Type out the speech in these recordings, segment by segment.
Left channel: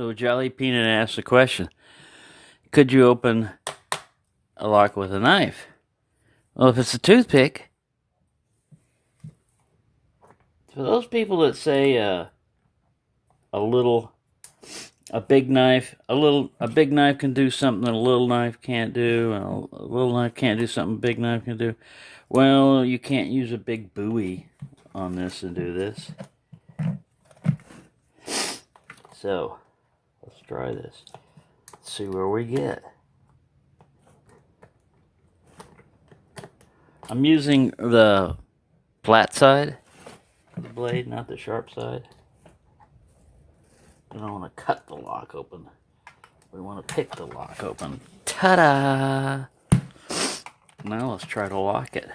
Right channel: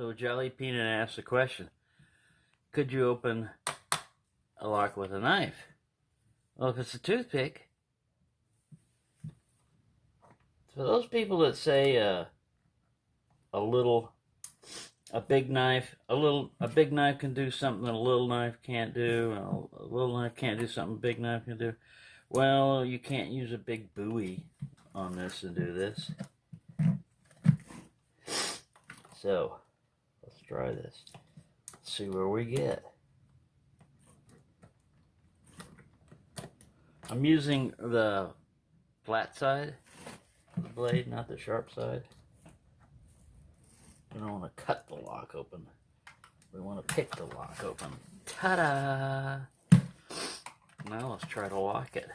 So Jolly Peanut asked the question, could you open a lock with a knife? Well, if it's a toothpick, for those people that say a big knife can do something that a little knife can't do, and a little knife can't do something a big knife can do. Well, you can't use a big buoy on this and do this. So, let's try this. Let's see where we get. I'm using the flat side of the blade, not the sharp side. We don't want to cut the lock open. We want to pick the lock open. Ta-da! Now let's try to lock it.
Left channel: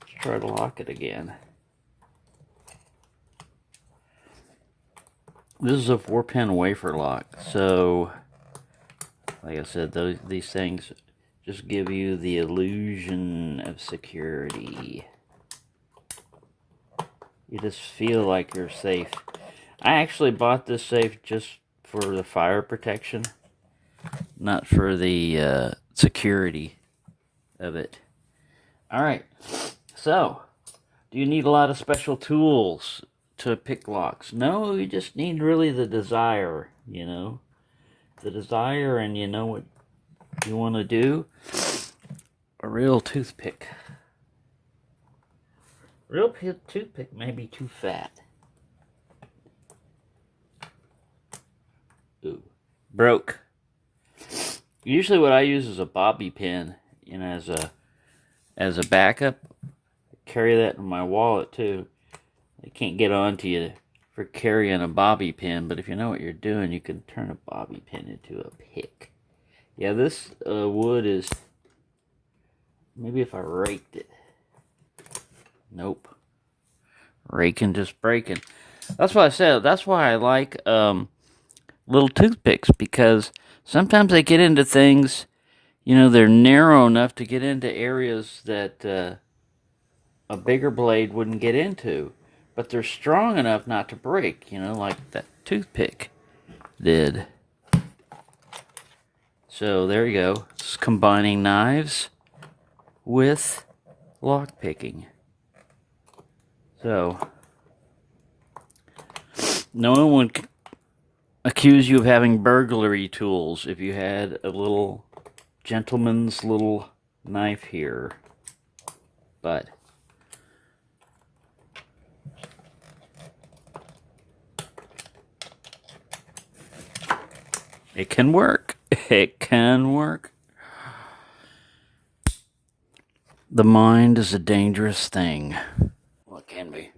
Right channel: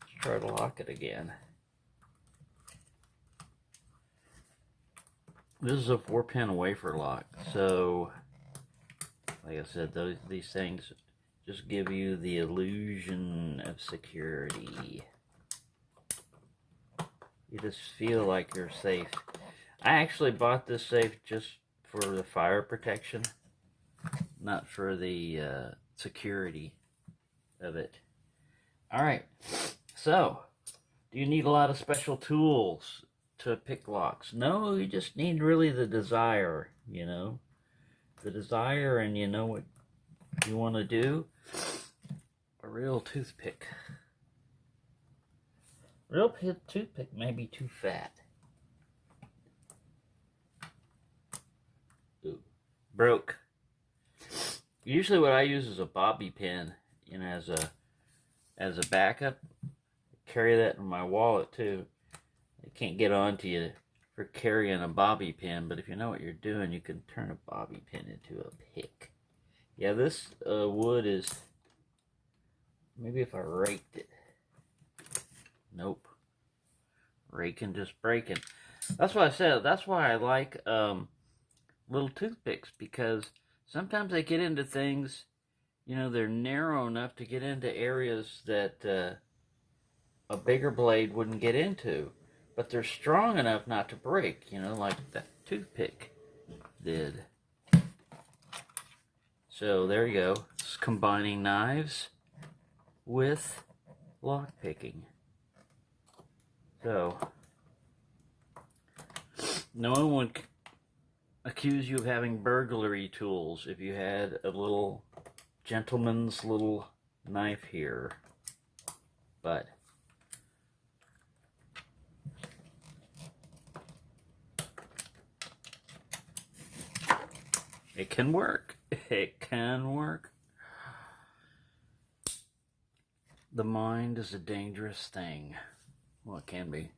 Let's try to lock it again. This is a 4-pin wafer lock, so like I said, these things just give you the illusion of security. You just feel like you're safe. I actually bought this safe just for the fire protection, not for the security of it. Alright, so, do you need a lot of special tools to pick locks? No, you just need really the desire, you know. The desire, and you know what you want to do. A real toothpick. Real toothpick may be too fat. Ooh, broke. Usually what I use is a bobby pin, you know, as a backup. I carry that in my wallet too. They can't get onto you for carrying a bobby pin, but if you know what you're doing, you can turn a bobby pin into a pick. Yeah, this wood is, maybe if I raked it. Nope. Raking, just breaking. That's why I said, that's why I like little toothpicks, because sometimes they get into things, you know, they're narrow enough to get into areas that a bigger blade wouldn't get into. But they're strong enough not to break, you know, like that toothpick did. So there you go. It's combining knives with lock picking. So no one would accuse you of having burglary tools if you had a little gentleman's little knife here. But it can work. It can work. The mind is a dangerous thing. Well, it can be.